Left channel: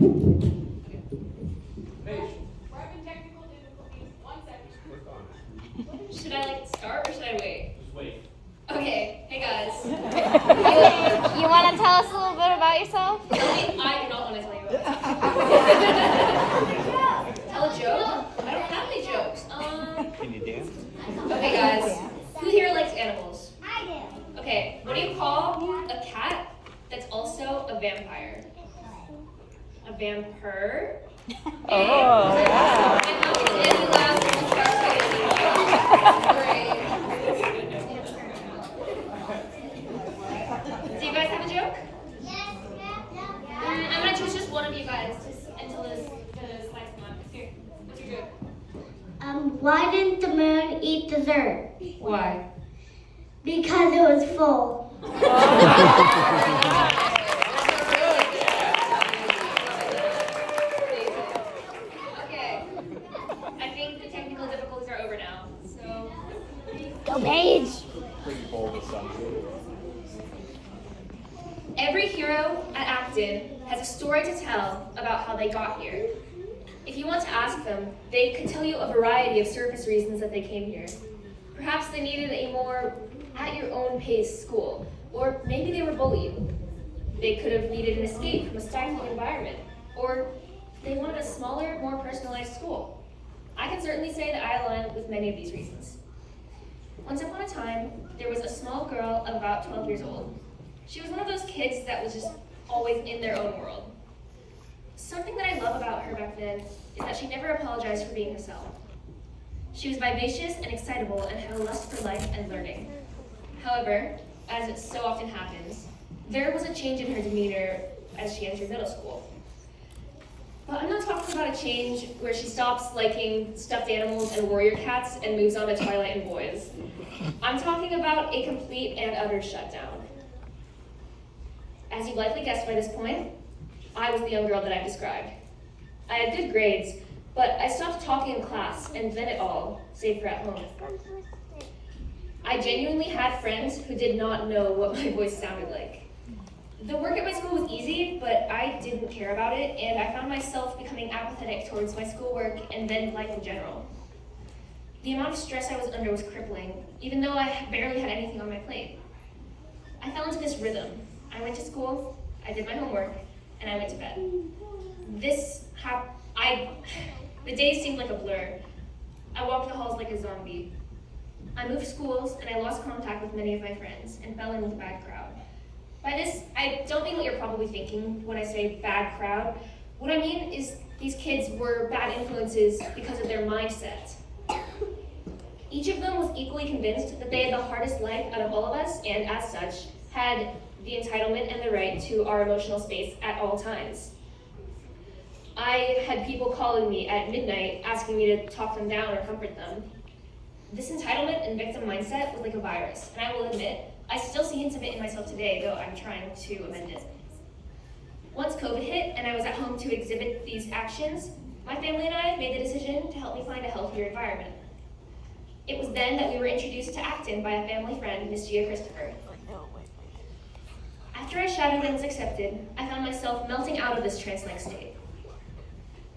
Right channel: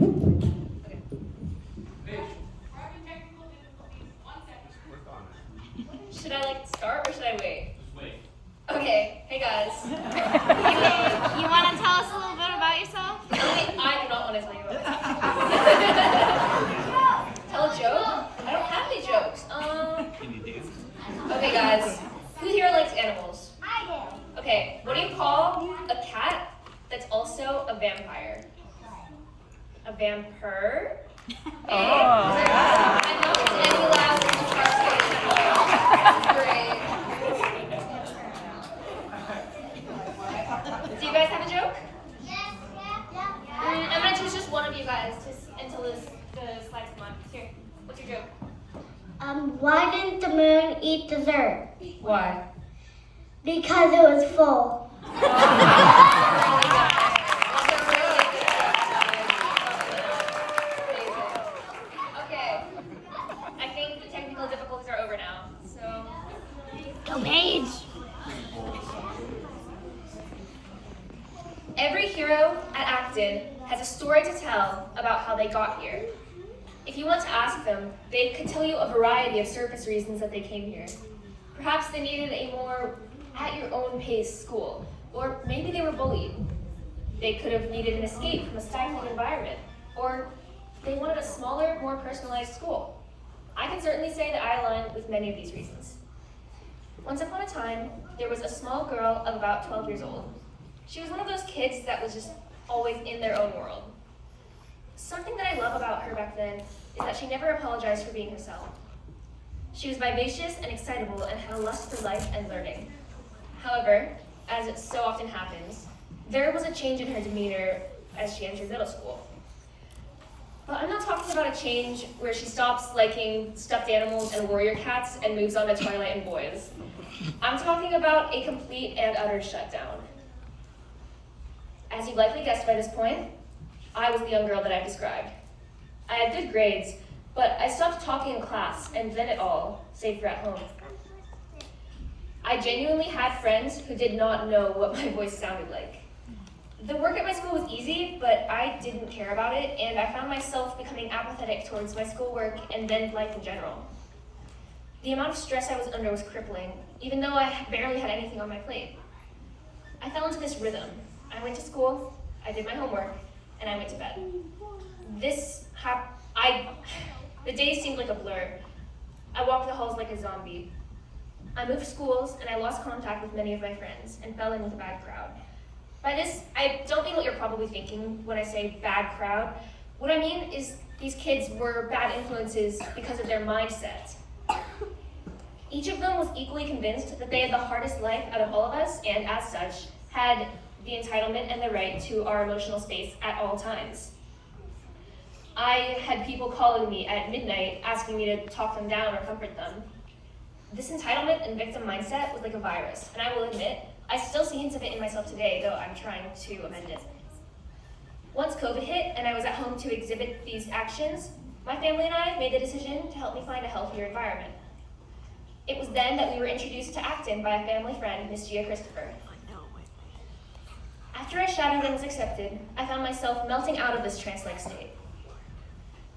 Okay. Paige. We're having technical difficulties. 1 second. Should I start or should I wait? Just wait. Okay. Hey guys. You want to tell us a little bit about yourself? I do not want to tell you about myself. Tell a joke? I don't have any jokes. Can you dance? Okay guys. Who here likes animals? I do. Okay, what do you call a cat that's also a vampire? A vampire? Oh. I know it's Andy laughs and we'll try to say it. Great. Do you guys have a joke? I'm gonna choose just one of you guys until the slides come up. Here, what's your joke? Why didn't the moon eat dessert? Why? Because it was full. Okay. I think the technical difficulties are over now. So, Go, Paige. every hero at Acton has a story to tell about how they got here. If you want to ask them, they could tell you a variety of surface reasons that they came here. Perhaps they needed a more at-your-own-pace school, or maybe they were bullied. They could have needed an escape from a stifling environment, or they wanted a smaller, more personalized school. I can certainly say that I align with many of these reasons. Once upon a time, there was a small girl of about 12 years old. She was one of those kids that was just always in their own world. Something that I love about her back then is that she never apologized for being herself. She was vivacious and excitable and had a lust for life and learning. However, as it so often happens, there was a change in her demeanor as she entered middle school. But I'm not talking about a change where she stops liking stuffed animals and warrior cats and moves on to Twilight and boys. I'm talking about a complete and utter shutdown. As you've likely guessed by this point, I was the young girl that I've described. I had good grades, but I stopped talking in class and then it all, save for at home. I genuinely had friends who did not know what my voice sounded like. The work at my school was easy, but I didn't care about it, and I found myself becoming apathetic towards my schoolwork and then life in general. The amount of stress I was under was crippling, even though I barely had anything on my plate. I fell into this rhythm. I went to school, I did my homework, and I went to bed. The days seemed like a blur. I walked the halls like a zombie. I moved schools, and I lost contact with many of my friends, and fell in with a bad crowd. By this, I don't mean what you're probably thinking when I say bad crowd. What I mean is these kids were bad influences because of their mindset. Each of them was equally convinced that they had the hardest life out of all of us, and as such, had the entitlement and the right to our emotional space at all times. I had people calling me at midnight asking me to talk them down or comfort them. This entitlement and victim mindset was like a virus, and I will admit, I still see hints of it in myself today, though I'm trying to amend it. Once COVID hit and I was at home to exhibit these actions, my family and I made the decision to help me find a healthier environment. It was then that we were introduced to Acton by a family friend, Miss Gia Christopher. After I shadowed and was accepted, I found myself melting out of this trance-like state.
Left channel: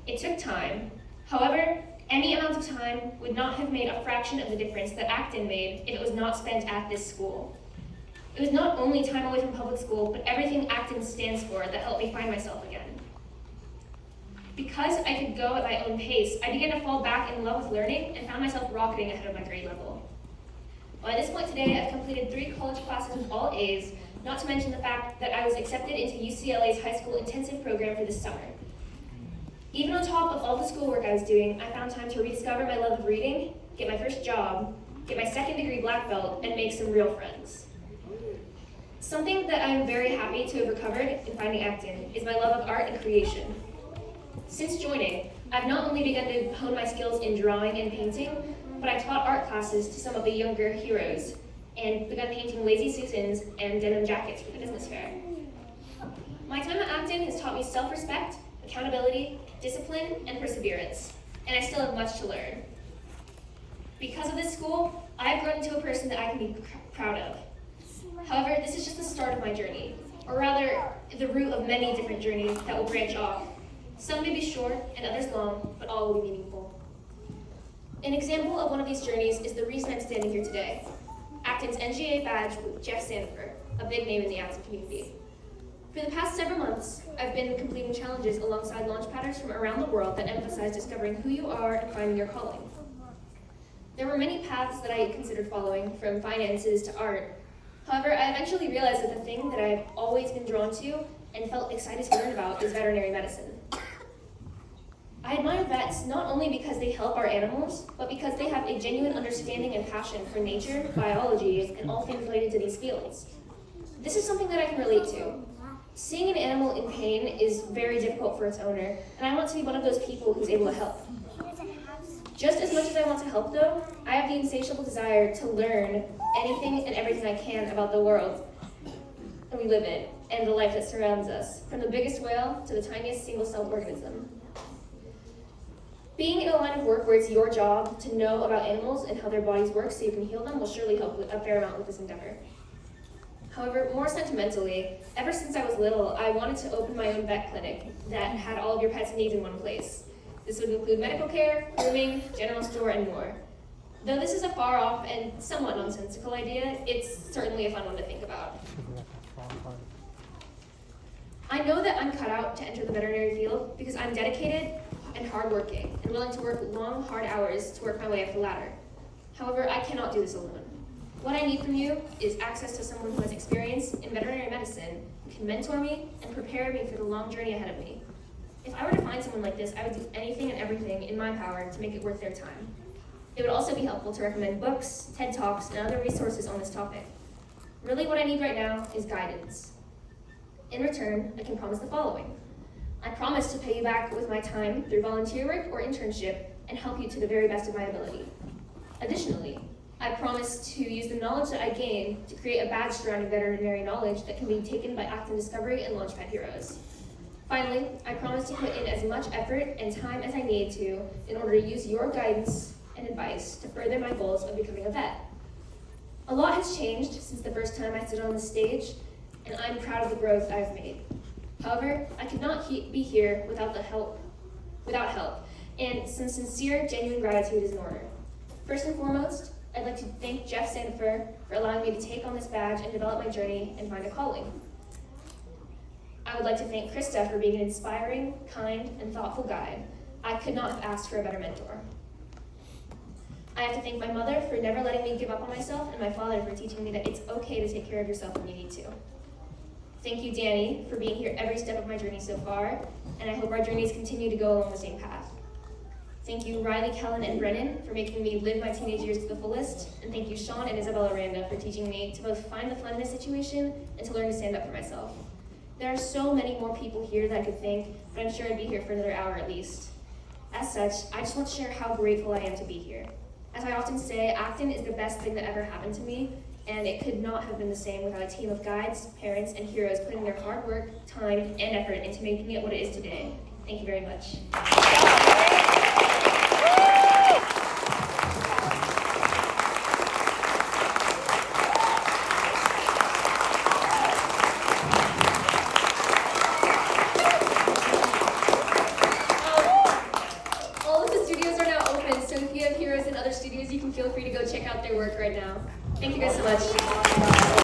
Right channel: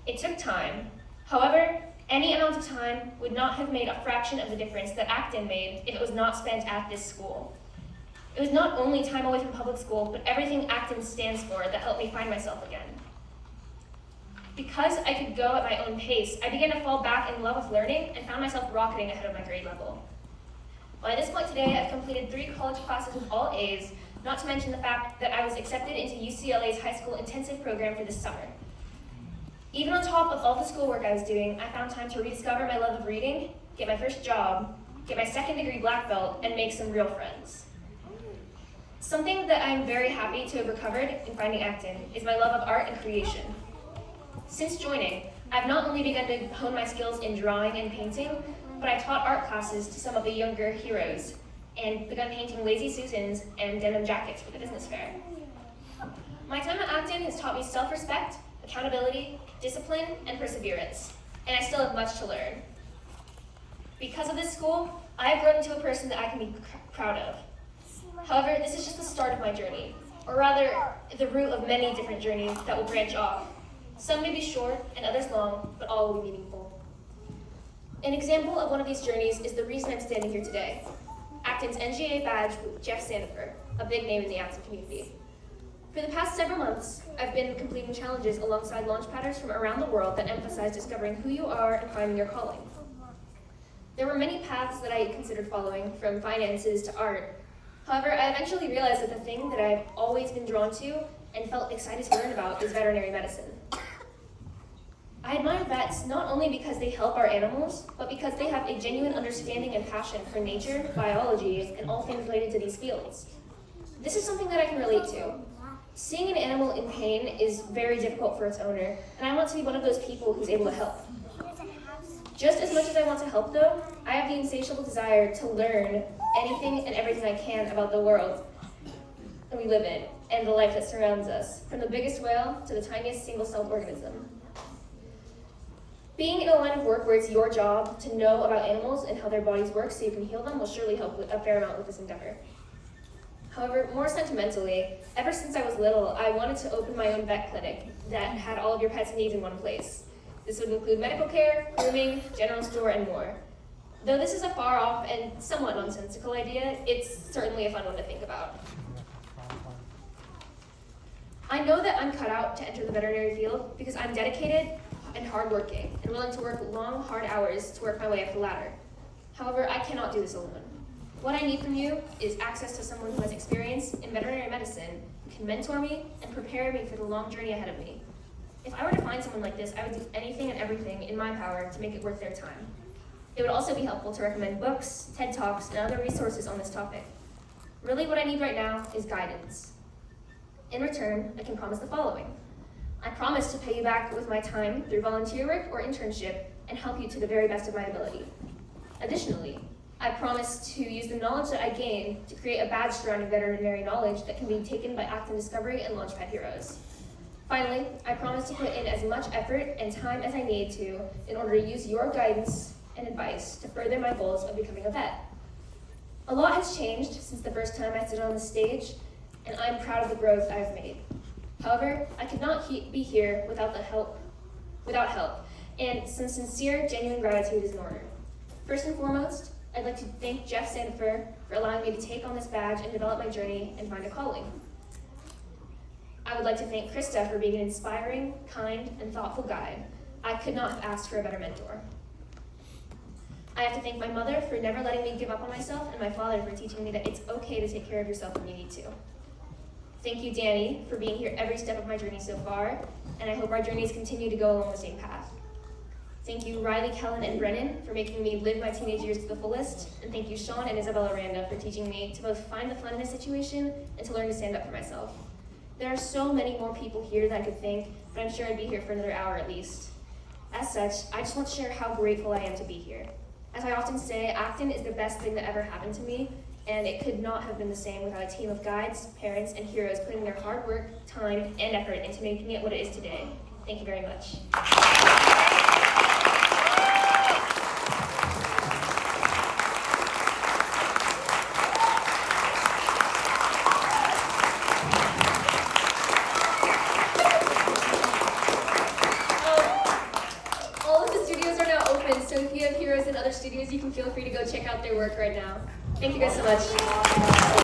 It took time. However, any amount of time would not have made a fraction of the difference that Acton made if it was not spent at this school. It was not only time away from public school, but everything Acton stands for that helped me find myself again. Because I could go at my own pace, I began to fall back in love with learning and found myself rocketing ahead of my grade level. Well, at this point today, I've completed 3 college classes with all A's, not to mention the fact that I was accepted into UCLA's high school intensive program for this summer. Even on top of all the schoolwork I was doing, I found time to rediscover my love of reading, get my first job, get my 2nd degree black belt, and make some real friends. Something that I'm very happy to have recovered in finding Acton is my love of art and creation. Since joining, I've not only begun to hone my skills in drawing and painting, but I've taught art classes to some of the younger heroes and begun painting lazy Susans and denim jackets for the business fair. My time at Acton has taught me self-respect, accountability, discipline, and perseverance, and I still have much to learn. Because of this school, I have grown into a person that I can be proud of. However, this is just the start of my journey, or rather, the root of many different journeys that will branch off. Some may be short and others long, but all will be meaningful. An example of one of these journeys is the reason I'm standing here today. Acton's NGA badge with Jeff Sandifer, a big name in the Acton community. For the past several months, I've been completing challenges alongside launchpadders from around the world that emphasize discovering who you are and finding your calling. There were many paths that I considered following, from finances to art. However, I eventually realized that the thing that I've always been drawn to and felt excited to learn about is veterinary medicine. I admire vets not only because they help our animals, but because they have a genuine understanding and passion for nature, biology, and all things related to these fields. This is something that I can relate to. Seeing an animal in pain is very difficult for its owner, and I want to be one of those people who's able to help. Just as much as I want to help, though, I have the insatiable desire to learn anything and everything I can about the world that we live in and the life that surrounds us, from the biggest whale to the tiniest single-celled organism. Being in a line of work where it's your job to know about animals and how their bodies work so you can heal them will surely help a fair amount with this endeavor. However, more sentimentally, ever since I was little, I wanted to open my own vet clinic that had all of your pet's needs in one place. This would include medical care, grooming, general store, and more. Though this is a far off and somewhat nonsensical idea, it's certainly a fun one to think about. I know that I'm cut out to enter the veterinary field because I'm dedicated and hardworking and willing to work long, hard hours to work my way up the ladder. However, I cannot do this alone. What I need from you is access to someone who has experience in veterinary medicine, who can mentor me and prepare me for the long journey ahead of me. If I were to find someone like this, I would do anything and everything in my power to make it worth their time. It would also be helpful to recommend books, TED Talks, and other resources on this topic. Really, what I need right now is guidance. In return, I can promise the following. I promise to pay you back with my time through volunteer work or internship and help you to the very best of my ability. Additionally, I promise to use the knowledge that I gain to create a badge surrounding veterinary knowledge that can be taken by Acton Discovery and Launchpad Heroes. Finally, I promise to put in as much effort and time as I need to in order to use your guidance and advice to further my goals of becoming a vet. A lot has changed since the first time I stood on the stage, and I'm proud of the growth I've made. However, I could not be here without help, and some sincere, genuine gratitude is in order. First and foremost, I'd like to thank Jeff Sandifer for allowing me to take on this badge and develop my journey and find a calling. I would like to thank Krista for being an inspiring, kind, and thoughtful guide. I could not have asked for a better mentor. I have to thank my mother for never letting me give up on myself, and my father for teaching me that it's okay to take care of yourself when you need to. Thank you, Danny, for being here every step of my journey so far, and I hope our journeys continue to go along the same path. Thank you, Riley, Kellen, and Brennan, for making me live my teenage years to the fullest, and thank you, Sean and Isabella Randa, for teaching me to both find the fun in a situation and to learn to stand up for myself. There are so many more people here that I could thank, but I'm sure I'd be here for another hour at least. As such, I just want to share how grateful I am to be here. As I often say, Acton is the best thing that ever happened to me, and it could not have been the same without a team of guides, parents, and heroes putting their hard work, time, and effort into making it what it is today. Thank you very much. All of the studios are now open, so if you have heroes in other studios, you can feel free to go check out their work right now. Thank you guys so much.